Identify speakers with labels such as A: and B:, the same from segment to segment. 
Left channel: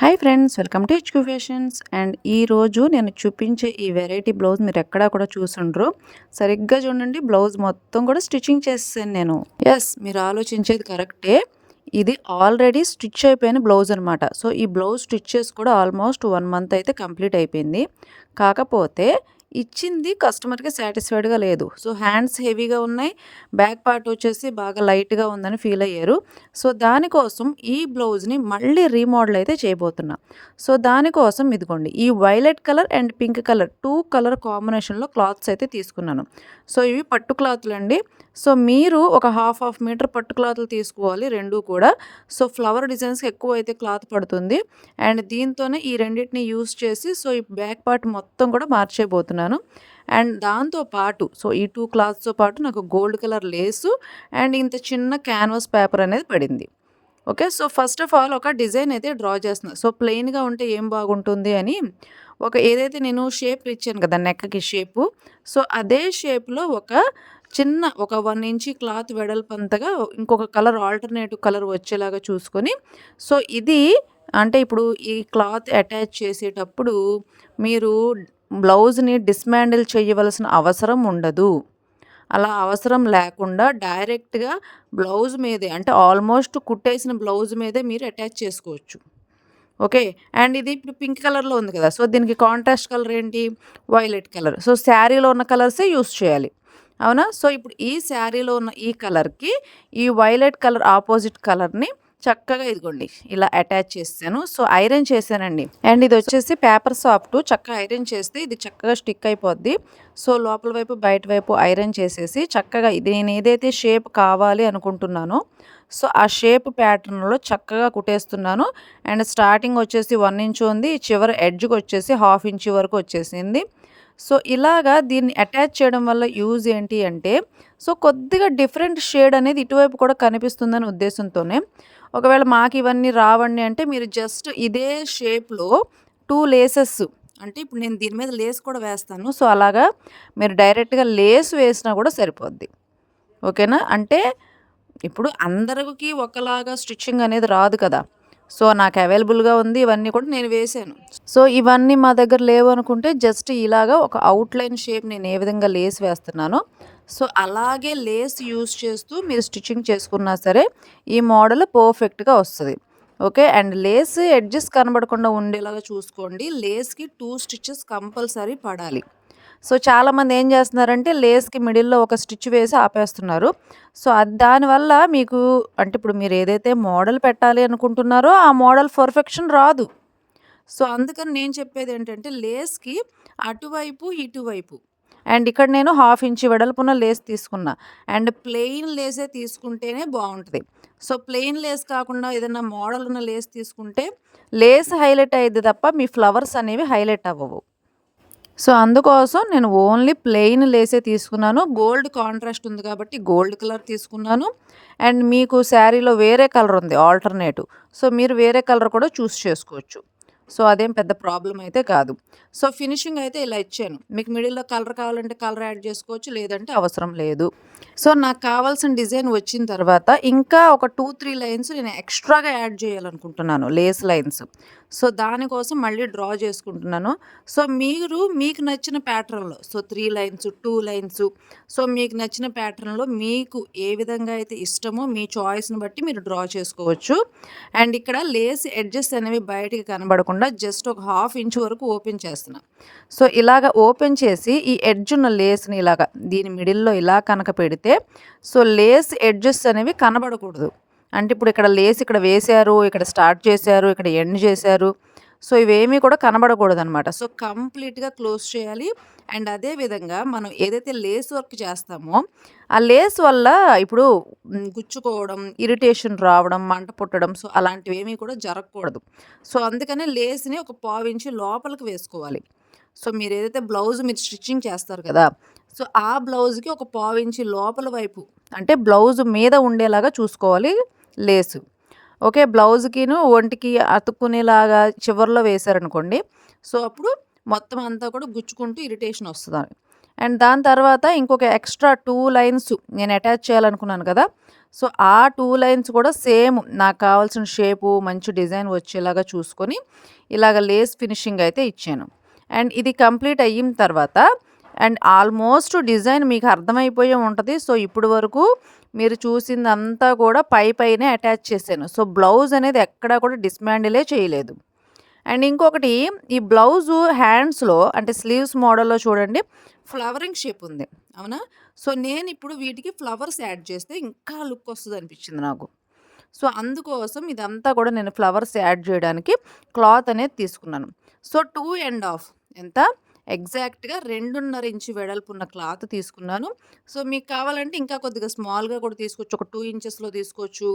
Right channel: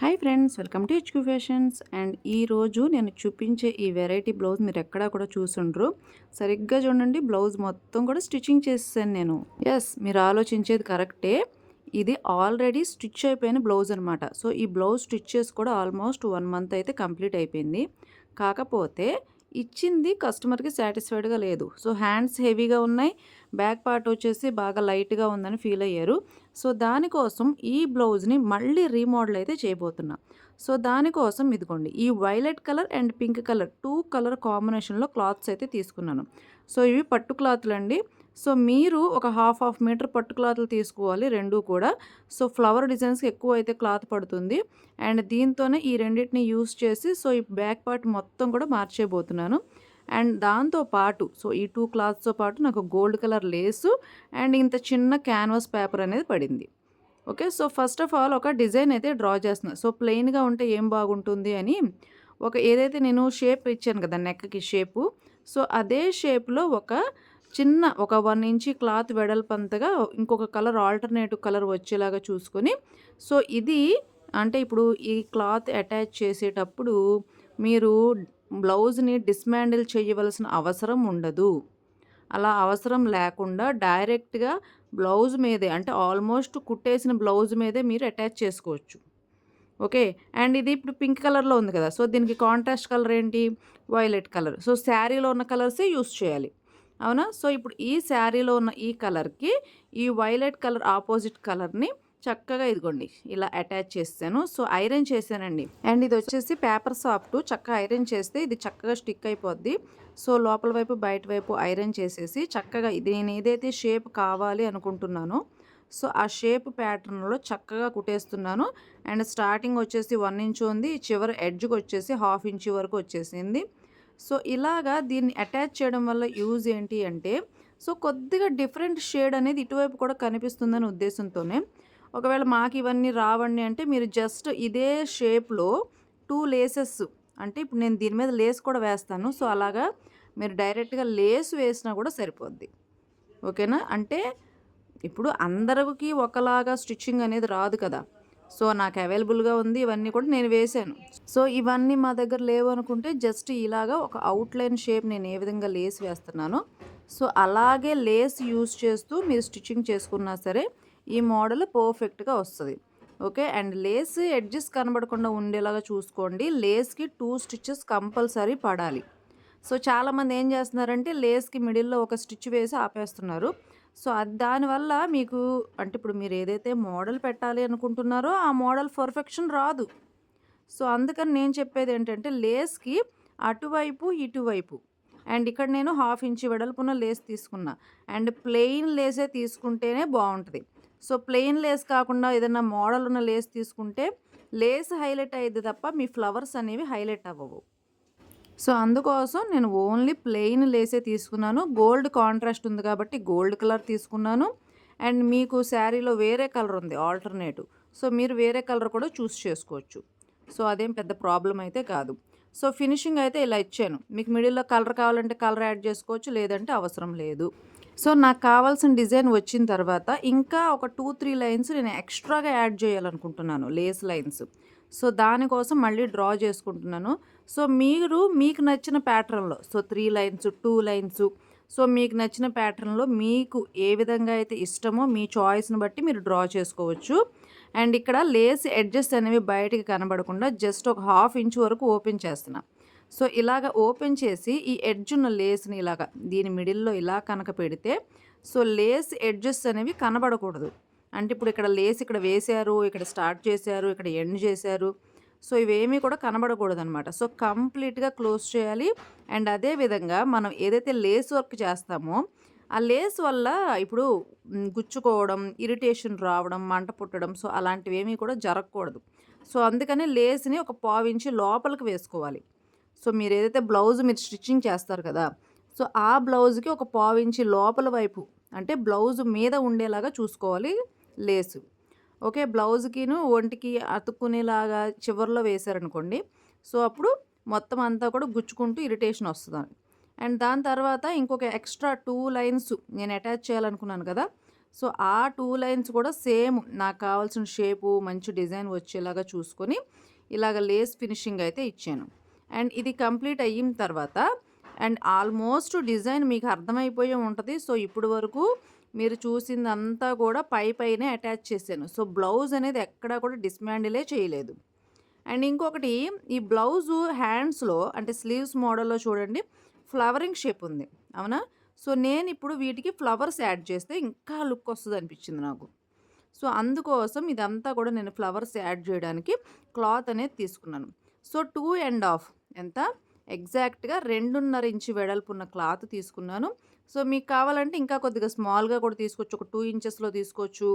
A: Hi friends welcome to HQ fashions and ఈరోజు నేను చూపించే ఈ వెరైటీ బ్లౌజ్ మీరు ఎక్కడా కూడా చూసుండ్రు. సరిగ్గా చూడండి బ్లౌజ్ మొత్తం కూడా స్టిచ్చింగ్ చేసాను నేను. ఎస్ మీరు ఆలోచించేది కరెక్టే ఇది ఆల్రెడీ స్టిచ్ అయిపోయిన బ్లౌజ్ అనమాట సో ఈ బ్లౌజ్ స్టిచ్ చేసి కూడా ఆల్మోస్ట్ వన్ మంత్ అయితే కంప్లీట్ అయిపోయింది. కాకపోతే ఇచ్చింది కస్టమర్కి సాటిస్ఫైడ్గా లేదు. సో హ్యాండ్స్ హెవీగా ఉన్నాయి. బ్యాక్ పార్ట్ వచ్చేసి బాగా లైట్గా ఉందని ఫీల్ అయ్యారు. సో దానికోసం ఈ బ్లౌజ్ని మళ్ళీ రీమోడల్ అయితే చేయబోతున్నా. సో దానికోసం ఇదిగోండి ఈ violet colour and pink colour two colour కాంబినేషన్లో క్లాత్స్ అయితే తీసుకున్నాను. సో ఇవి పట్టు క్లాత్లు అండి సో మీరు ఒక హాఫ్ హాఫ్ మీటర్ పట్టు క్లాత్లు తీసుకోవాలి రెండు కూడా. సో ఫ్లవర్ డిజైన్స్కి ఎక్కువ అయితే క్లాత్ పడుతుంది. అండ్ దీంతోనే ఈ రెండింటిని యూస్ చేసి సో ఈ బ్యాక్ పార్ట్ మొత్తం కూడా మార్చేయబోతున్నాను. అండ్ దాంతో పాటు సో ఈ టూ క్లాత్స్తో పాటు నాకు గోల్డ్ కలర్ లేసు అండ్ ఇంత చిన్న క్యాన్వాస్ పేపర్ అనేది పడింది. Okay so first of all ఒక డిజైన్ అయితే డ్రా చేస్తున్నాను సో ప్లెయిన్గా ఉంటే ఏం బాగుంటుంది అని ఒక ఏదైతే నేను షేప్ ఇచ్చాను కదా నెక్కకి షేపు. సో అదే షేప్లో ఒక చిన్న ఒక వన్ ఇంచ్ క్లాత్ వెడల్పంతగా ఇంకొక కలర్ ఆల్టర్నేటివ్ కలర్ వచ్చేలాగా చూసుకొని సో ఇది అంటే ఇప్పుడు ఈ క్లాత్ అటాచ్ చేసేటప్పుడు మీరు బ్లౌజ్ని డిస్మాండిల్ చేయవలసిన అవసరం ఉండదు. అలా అవసరం లేకుండా డైరెక్ట్గా బ్లౌజ్ మీదే అంటే ఆల్మోస్ట్ కుట్టేసిన బ్లౌజ్ మీదే మీరు అటాచ్ చేసుకోవచ్చు. ఓకే? అండ్ ఇది ఇప్పుడు పింక్ కలర్లో ఉంది కదా సో దీనికి కాంట్రాస్ట్ కలర్ ఏంటి? Violet colour. సో శారీలో ఉన్న కలర్సే యూస్ చేయాలి. అవునా? సో ఇప్పుడు ఈ శారీలో ఉన్న ఈ కలర్కి ఈ వైలెట్ కలర్ ఆపోజిట్ కలర్ని చక్కగా ఇదిగోండి ఇలా అటాచ్ చేసాను సో ఐరన్ చేశానండి. అండ్ ఇది వచ్చేసి పేపర్ సాఫ్ట్ చక్కగా ఐరన్ చేస్తే ఇది చక్కగా స్టిక్ అయిపోద్ది. సో లోపల వైపు బయట వైపు ఐరన్ చేసేసి చక్కగా ఇది నేను ఏదైతే షేప్ కావాలి అనుకుంటున్నానో సో ఆ షేప్ ప్యాటర్న్లో చక్కగా కుట్టేస్తున్నాను. అండ్ స్టార్టింగ్ వచ్చేసి వన్ ఇంచ్ ఉంది చివరి ఎడ్జ్కి వచ్చేసి హాఫ్ ఇంచ్ వరకు వచ్చేసింది. సో ఇలాగా దీన్ని అటాచ్ చేయడం వల్ల యూజ్ ఏంటి అంటే సో కొద్దిగా డిఫరెంట్ షేడ్ అనేది ఇటువైపు కూడా కనిపిస్తుందని ఉద్దేశంతోనే ఒకవేళ మాకు ఇవన్నీ రావండి అంటే మీరు జస్ట్ ఇదే షేప్లో టూ లేసెస్ అంటే ఇప్పుడు నేను దీని మీద లేస్ కూడా వేస్తాను సో అలాగా మీరు డైరెక్ట్గా లేస్ వేసినా కూడా సరిపోద్ది. ఓకేనా? అంటే ఇప్పుడు అందరికి ఒకలాగా స్టిచ్చింగ్ అనేది రాదు కదా. సో నాకు అవైలబుల్గా ఉంది ఇవన్నీ కూడా నేను వేసాను. సో ఇవన్నీ మా దగ్గర లేవు అనుకుంటే జస్ట్ ఇలాగా ఒక అవుట్లైన్ షేప్ నేను ఏ విధంగా లేస్ వేస్తున్నానో సో అలాగే లేస్ యూస్ చేస్తూ మీరు స్టిచ్చింగ్ చేసుకున్నా సరే ఈ మోడల్ పర్ఫెక్ట్గా వస్తుంది. ఓకే? అండ్ లేస్ ఎడ్జెస్ కనబడకుండా ఉండేలాగా చూసుకోండి. లేస్కి టూ స్టిచ్చెస్ కంపల్సరీ పడాలి. సో చాలామంది ఏం చేస్తున్నారంటే లేస్కి మిడిల్లో ఒక స్టిచ్ వేసి ఆపేస్తున్నారు. సో అది దానివల్ల మీకు అంటే ఇప్పుడు మీరు ఏదైతే మోడల్ పెట్టాలి అనుకుంటున్నారో ఆ మోడల్ పర్ఫెక్షన్ రాదు. సో అందుకని నేను చెప్పేది ఏంటంటే లేస్కి అటువైపు ఇటువైపు. అండ్ ఇక్కడ నేను హాఫ్ ఇంచ్ వెడల్పున లేస్ తీసుకున్నా. అండ్ ప్లెయిన్ లేసే తీసుకుంటేనే బాగుంటుంది. సో ప్లెయిన్ లేస్ కాకుండా ఏదైనా మోడల్ ఉన్న లేస్ తీసుకుంటే లేస్ హైలైట్ అయ్యేది తప్ప మీ ఫ్లవర్స్ అనేవి హైలైట్ అవ్వవు. సో అందుకోసం నేను ఓన్లీ ప్లెయిన్ లేసే తీసుకున్నాను. గోల్డ్ కాంట్రాస్ట్ ఉంది కాబట్టి గోల్డ్ కలర్ తీసుకున్నాను. అండ్ మీకు శారీలో వేరే కలర్ ఉంది ఆల్టర్నేటివ్ సో మీరు వేరే కలర్ కూడా చూస్ చేసుకోవచ్చు. సో అదేం పెద్ద ప్రాబ్లం అయితే కాదు. సో ఫినిషింగ్ అయితే ఇలా ఇచ్చాను. మీకు మిడిల్లో కలర్ కావాలంటే కలర్ యాడ్ చేసుకోవచ్చు లేదంటే అవసరం లేదు. సో నాకు కావాల్సిన డిజైన్ వచ్చిన తర్వాత ఇంకా ఒక టూ త్రీ లైన్స్ నేను ఎక్స్ట్రాగా యాడ్ చేయాలనుకుంటున్నాను లేస్ లైన్స్. సో దానికోసం మళ్ళీ డ్రా చేసుకుంటున్నాను. సో మీరు మీకు నచ్చిన ప్యాటర్న్లో so three lines two lines so మీకు నచ్చిన ప్యాటర్న్లో మీకు ఏ విధంగా అయితే ఇష్టమో మీ చాయిస్ని బట్టి మీరు డ్రా చేసుకోవచ్చు. అండ్ ఇక్కడ లేస్ ఎడ్జెస్ అనేవి బయటికి కనబడకుండా జస్ట్ ఒక హాఫ్ ఇంచ్ వరకు ఓపెన్ చేస్తున్నా. సో ఇలాగ ఓపెన్ చేసి ఈ ఎడ్జ్ ఉన్న లేస్ని ఇలాగ దీని మిడిల్లో ఇలా కనుక పెడితే సో లేస్ ఎడ్జెస్ అనేవి కనబడకూడదు. అంటే ఇప్పుడు ఇక్కడ లేస్ ఇక్కడ వేశారు ఇక్కడ స్టార్ట్ చేశారు ఇక్కడ ఎండ్ చేశారు. సో ఇవేమీ కూడా కనబడకూడదు అనమాట సో కంప్లీట్గా క్లోజ్ చేయాలి. అండ్ అదే విధంగా మనం ఏదైతే లేస్ వర్క్ చేస్తామో ఆ లేస్ వల్ల ఇప్పుడు గుచ్చుకోవడం ఇరిటేషన్ రావడం మంట పుట్టడం సో అలాంటివి ఏమీ కూడా జరగకూడదు. సో అందుకని లేస్ని ఒక పావించి లోపలికి వేసుకోవాలి. సో మీరు ఏదైతే బ్లౌజ్ మీరు స్టిచ్చింగ్ చేస్తారు కదా సో ఆ బ్లౌజ్కి ఒక పావించి లోపల వైపు అంటే బ్లౌజ్ మీద ఉండేలాగా చూసుకోవాలి. లేసు. ఓకే బ్లౌజ్కిను ఒంటికి అతుక్కునేలాగా చివరిలో వేశారనుకోండి సో అప్పుడు మొత్తం అంతా కూడా గుచ్చుకుంటూ ఇరిటేషన్ వస్తుంది అండ్ దాని తర్వాత ఇంకొక ఎక్స్ట్రా టూ లైన్స్ నేను అటాచ్ చేయాలనుకున్నాను కదా సో ఆ టూ లైన్స్ కూడా సేమ్ నాకు కావాల్సిన షేపు మంచి డిజైన్ వచ్చేలాగా చూసుకొని ఇలాగ లేస్ ఫినిషింగ్ అయితే ఇచ్చాను. అండ్ ఇది కంప్లీట్ అయిన తర్వాత అండ్ ఆల్మోస్ట్ డిజైన్ మీకు అర్థమైపోయే ఉంటుంది సో ఇప్పుడు వరకు మీరు చూసిందంతా కూడా పై పైనే అటాచ్ చేశాను. సో బ్లౌజ్ అనేది ఎక్కడా కూడా డిస్మాండిలే చేయలేదు. అండ్ ఇంకొకటి ఈ బ్లౌజు హ్యాండ్స్లో అంటే స్లీవ్స్ మోడల్లో చూడండి ఫ్లవరింగ్ షేప్ ఉంది. అవునా? సో నేను ఇప్పుడు వీటికి ఫ్లవర్స్ యాడ్ చేస్తే ఇంకా లుక్ వస్తుంది అనిపించింది నాకు. సో అందుకోసం ఇదంతా కూడా నేను ఫ్లవర్స్ యాడ్ చేయడానికి క్లాత్ అనేది తీసుకున్నాను. సో టూ అండ్ హాఫ్ ఎంత? ఎగ్జాక్ట్గా రెండున్నర ఇంచు వెడల్పు ఉన్న క్లాత్ తీసుకున్నాను. సో మీకు కావాలంటే ఇంకా కొద్దిగా స్మాల్గా కూడా తీసుకోవచ్చు. ఒక టూ ఇంచెస్లో తీసుకోవచ్చు.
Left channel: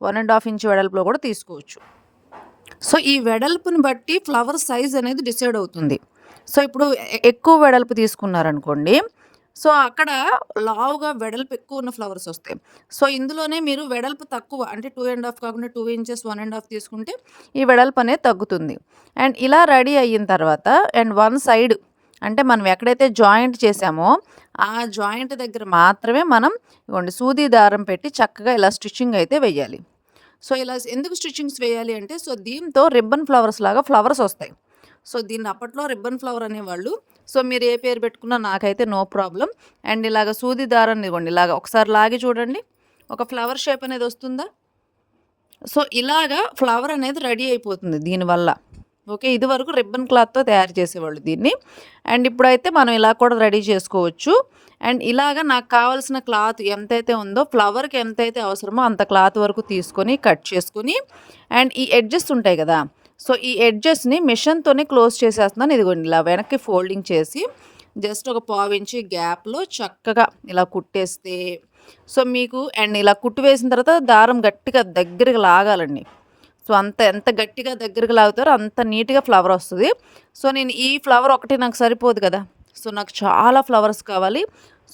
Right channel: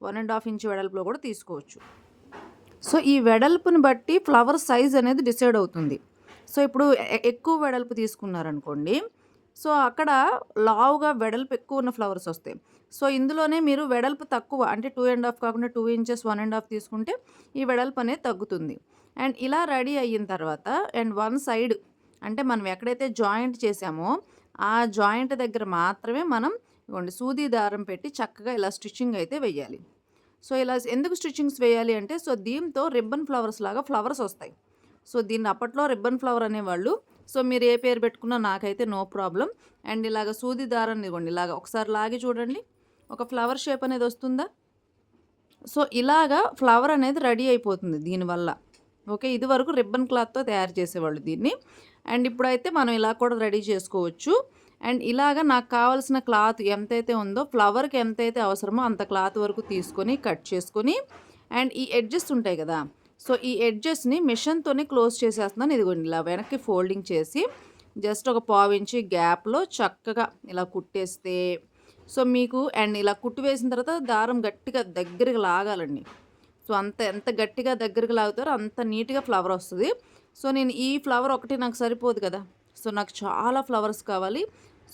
A: వన్ అండ్ హాఫ్ ఇంచ్ వెడల్పులో కూడా తీసుకోవచ్చు. సో ఈ వెడల్పుని బట్టి ఫ్లవర్ సైజ్ అనేది డిసైడ్ అవుతుంది. సో ఇప్పుడు ఎక్కువ వెడల్పు తీసుకున్నారనుకోండి. సో అక్కడ లావుగా వెడల్పు ఎక్కువ ఉన్న ఫ్లవర్స్ వస్తాయి. సో ఇందులోనే మీరు వెడల్పు తక్కువ అంటే టూ అండ్ హాఫ్ కాకుండా two inches one and half తీసుకుంటే ఈ వెడల్పు అనేది తగ్గుతుంది. అండ్ ఇలా రెడీ అయిన తర్వాత అండ్ వన్ సైడ్ అంటే మనం ఎక్కడైతే జాయింట్ చేసామో ఆ జాయింట్ దగ్గర మాత్రమే మనం ఇవ్వండి సూది దారం పెట్టి చక్కగా ఇలా స్టిచ్చింగ్ అయితే వేయాలి. సో ఇలా ఎందుకు స్టిచ్చింగ్స్ వేయాలి అంటే సో దీంతో రిబ్బన్ ఫ్లవర్స్ లాగా ఫ్లవర్స్ వస్తాయి. సో దీన్ని అప్పట్లో రిబ్బన్ ఫ్లవర్ అనేవాళ్ళు. సో మీరు ఏ పేరు పెట్టుకున్నా నాకైతే నో ప్రాబ్లం. అండ్ ఇలాగ సూది దారాన్ని ఇవ్వండి ఇలాగ ఒకసారి లాగి చూడండి. ఒక ఫ్లవర్ షేప్ అనేది వస్తుందా? సో ఇలాగా ఫ్లవర్ అనేది రెడీ అయిపోతుంది దీనివల్ల. ఓకే ఇది వరకు రిబ్బన్ క్లాత్తో తయారు చేసేవాళ్ళు దీన్ని. అండ్ ఇప్పుడైతే మనం ఇలా కూడా రెడీ చేసుకోవచ్చు. అండ్ ఇలాగ నాకు కావాల్సిన క్లాత్ ఎంతైతే ఉందో ఫ్లవర్కి ఎంతైతే అవసరమో అంత క్లాత్ వరకు తీసుకొని కట్ చేసుకొని అండ్ ఈ ఎడ్జెస్ ఉంటాయి కదా సో ఈ ఎడ్జెస్ని మిషన్తోనే క్లోజ్ చేసేస్తున్నాను. ఇదిగోండి ఇలా వెనక్కి ఫోల్డింగ్ చేసి జస్ట్ ఒక పావించి గ్యాప్లో చక్కగా ఇలా కుట్టేస్తే సో మీకు అండ్ ఇలా కుట్టు వేసిన తర్వాత దారం గట్టిగా దగ్గరికి లాగాలండి. సో అంత ఎంత గట్టిగా దగ్గరికి లాగుతారో అంత నీట్గా ఫ్లవర్ వస్తుంది. సో నేను ఈ ఫ్లవర్ ఒకటి నాకు సరిపోదు కదా. సో నాకు చాలా ఫ్లవర్స్ కావాలి.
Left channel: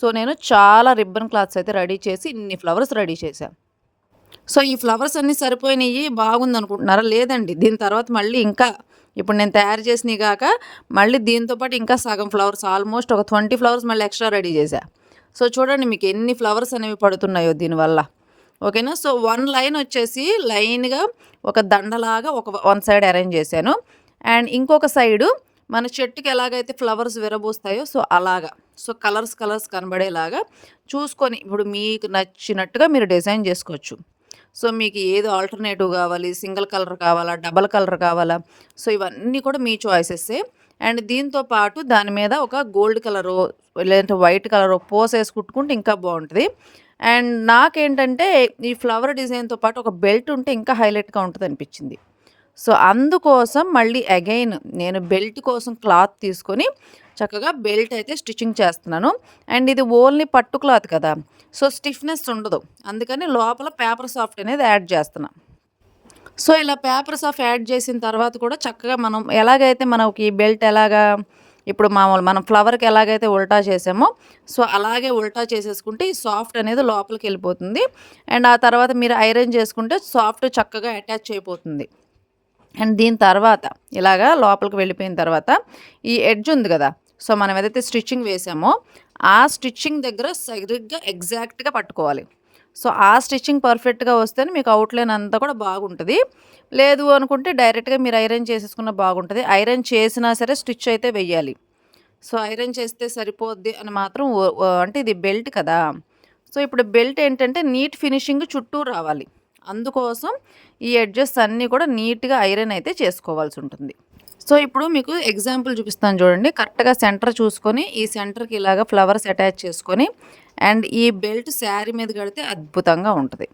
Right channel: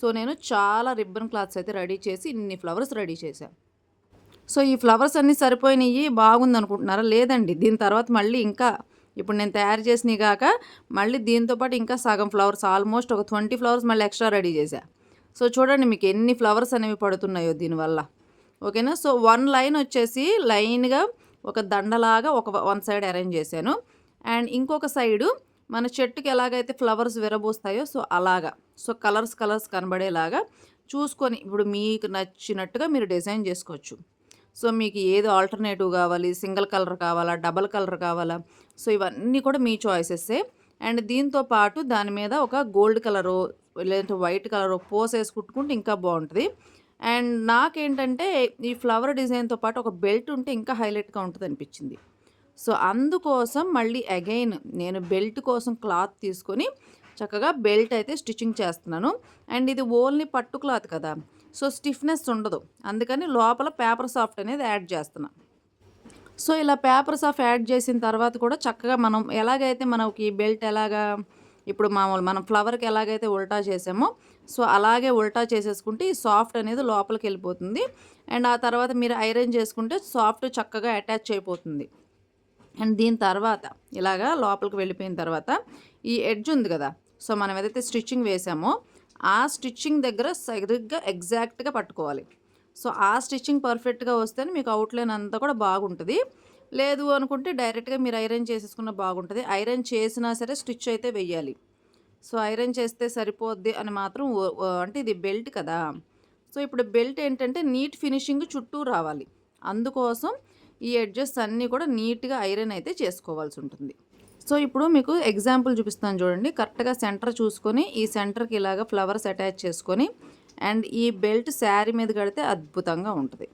A: సో నేను చాలా రిబ్బన్ క్లాత్స్ అయితే రెడీ చేసి ఇన్ని ఫ్లవర్స్ రెడీ చేశాను సో ఈ ఫ్లవర్స్ అన్నీ సరిపోయినాయి బాగుంది అనుకుంటున్నారా లేదండి. దీని తర్వాత మళ్ళీ ఇంకా ఇప్పుడు నేను తయారు చేసినవి కాక మళ్ళీ దీంతో పాటు ఇంకా సగం ఫ్లవర్స్ ఆల్మోస్ట్ ఒక ట్వంటీ ఫ్లవర్స్ మళ్ళీ ఎక్స్ట్రా రెడీ చేశా. సో చూడండి మీకు ఎన్ని ఫ్లవర్స్ అనేవి పడుతున్నాయో దీనివల్ల. ఓకేనా? సో వన్ లైన్ వచ్చేసి లైన్గా ఒక దండలాగా ఒక వన్ సైడ్ అరేంజ్ చేశాను. అండ్ ఇంకొక సైడు మన చెట్టుకి ఎలాగైతే ఫ్లవర్స్ విరబూస్తాయో సో అలాగా. సో కలర్స్ కలర్స్ కనబడేలాగా చూసుకొని ఇప్పుడు మీకు నచ్చినట్టుగా మీరు డిజైన్ చేసుకోవచ్చు. సో మీకు ఏది ఆల్టర్నేటివ్ కావాలి సింగిల్ కలర్ కావాలా డబల్ కలర్ కావాలా? సో ఇవన్నీ కూడా మీ చాయిసెస్సే అండ్ దీంతో పాటు దాని మీద ఒక గోల్డ్ కలరు లేదంటే వైట్ కలరు పోసేసి కుట్టుకుంటే ఇంకా బాగుంటుంది. అండ్ నాకేంటంటే ఈ ఫ్లవర్ డిజైన్తో పాటు ఒక బెల్ట్ ఉంటే ఇంకా హైలైట్గా ఉంటుంది అనిపించింది. సో అందుకోసం మళ్ళీ అగైన్ నేను బెల్ట్ కోసం క్లాత్ తీసుకొని చక్కగా బెల్ట్ అయితే స్టిచ్చింగ్ చేస్తున్నాను. అండ్ ఇది ఓన్లీ పట్టు క్లాత్ కదా సో స్టిఫ్నెస్ ఉండదు. అందుకని లోపల పేపర్ సాఫ్ట్ అనేది యాడ్ చేస్తున్నాను సో ఇలా పేపర్ సాఫ్ట్ యాడ్ చేసిన తర్వాత కూడా చక్కగా మనం ఎలాగైతే మనకి బెల్ట్ ఎలాగా ఇప్పుడు మామూలు మనం ఫ్లవర్కి ఎలాగైతే ఉల్టా చేసామో సో అలాగే ఉల్టా చేసేసుకుంటే ఈ సాఫ్ట్ అనేది లోపలికి వెళ్ళిపోతుంది. అండ్ ఆ తర్వాత మీరు ఐరన్ చేసుకుంటే సాఫ్ట్ చక్కగా అటాచ్ అయిపోతుంది. అండ్ దీని తర్వాత ఇలాగా లోపలికి వెళ్ళిపోయిన తర్వాత ఈ ఎడ్జ్ ఉంది కదా సో మనం ఏదైతే స్టిచ్చింగ్ వేసామో ఆ స్టిచ్చింగ్ దగ్గర సరిగ్గా ఎగ్జాక్ట్గా పట్టుకోవాలి. సో ఆ స్టిచ్చింగ్ పర్ఫెక్ట్గా వస్తేనే మీకు అవుట్లైన్ అంతా కూడా బాగుంటుంది. లేదు అనుకుంటే డైరెక్ట్గా మీరు ఐరన్ చేసేసుకున్న బాగుంటుంది. ఐరన్ చేసినా సరే స్టిచ్ అయితే వెయ్యాలి. సో ఐరన్ చేస్తే సరిపోద్ది అని మాత్రం ఓ- అంటే ఇది బెల్ట్ కదా. సో ఇప్పుడు బెల్ట్ ఏంటంటే నీట్ ఫినిషింగ్ చుట్టూ రావాలి. అందుకోసం ఈ ఎడ్జెస్ అన్నీ కూడా నీట్గా ఐరన్ అయితే చేసుకోవాల్సి ఉంటుంది. సో ఇప్పుడు మీకు ఎగ్జాంపుల్ చూపిస్తాను చూడండి. కరెక్ట్గా సెంటర్ చూసుకొని ఈ సెంటర్కి ఇలాగ ఫ్లవర్స్ అటాచ్ చేసుకొని అండ్ ఈ బెల్ట్ శారీ మీద కడితే అద్భుతంగా ఉంటుంది.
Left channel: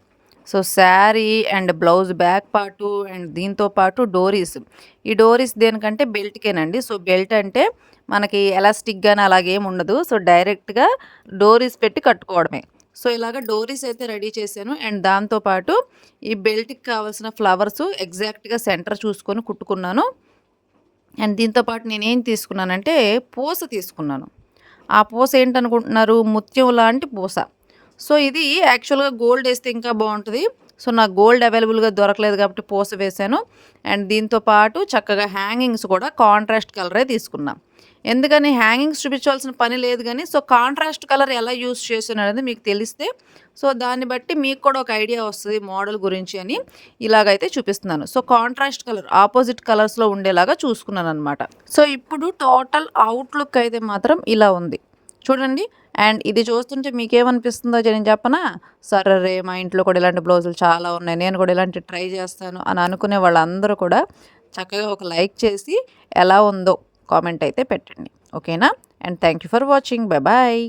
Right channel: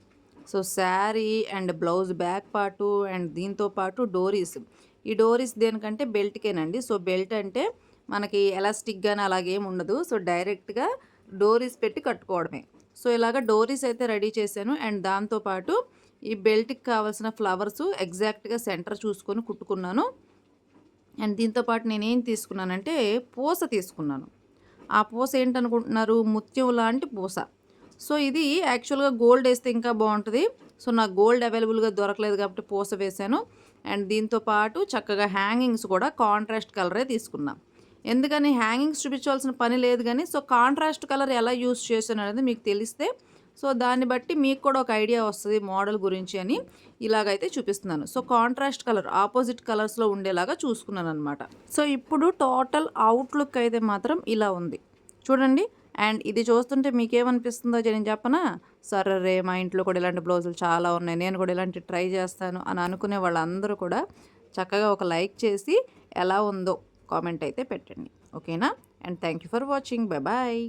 A: So sari and blouse back part and దీంతో పాటు డోరీస్. ఈ డోరీస్ దేనికంటే బెల్ట్కేనండి. సో బెల్ట్ అంటే మనకి ఎలాస్టిక్ కానీ అలాగేం ఉండదు. సో డైరెక్ట్గా డోరీస్ పెట్టి కట్టుకోవడమే. సో ఇలాగ డోరీస్ అయితే రెడీ చేశాను. అండ్ దాంతోపాటు ఈ బెల్ట్కి కావాల్సిన ఫ్లవర్స్ ఎగ్జాక్ట్గా సెంటర్ చూసుకొని కుట్టుకున్నాను. అండ్ దీంతో పాటు నేనేం తీసుకున్నానంటే పూస తీసుకున్నాను. ఆ పూస ఏంటనుకుంటున్నారు? ముత్యం లాంటి పూస. సో ఇది యాక్చువల్గా గోల్డ్ వేస్తే ఇంకా బాగుంటుంది. సో నాకు గోల్డ్ అవైలబుల్గా దొరకలేదు కాబట్టి పోస వేశాను అండ్ దీంతో పాటు చక్కగా హ్యాంగింగ్స్ కూడా కాంట్రాస్ట్ కలరే తీసుకున్నాం. ఎందుకని హ్యాంగింగ్స్ చూపించాల్సిన పని లేదు కానీ సో కాంట్రాస్ట్ కలర్ ఎలా యూస్ చేశాను అనేది మీకు తెలిస్తే సో దాన్ని బట్టి మీకు కూడా ఒక ఐడియా వస్తుంది మోడల్ గురించి అని ఇలాగైతే చూపిస్తున్నాను. సో కాంట్రాస్ట్ కలర్ ఆపోజిట్ కలర్స్లో ఉండేలాగా చూసుకున్నాను అనమాట సో ఇప్పుడు టోటల్ అవుట్లుక్ అయితే మాత్రం ఇలా ఉంది. చూడండి అండ్ ఇది చూస్తుంటే మీకేమనిపిస్తుందో నేను చెప్పనా? సరే మా ఇంట్లో కూడా ఇలాంటి బ్లౌజులు చాలా ఉన్నాయి. నేను కూడా ఇలాంటి ట్రై చేస్తాను అని అనుకునే వాళ్ళందరూ కూడా చక్కగా ఒక లైక్ చేసి ఎలా ఉందో కామెంట్ అయితే పెట్టండి. ఓకేనా? And thank you for watching. Bye bye.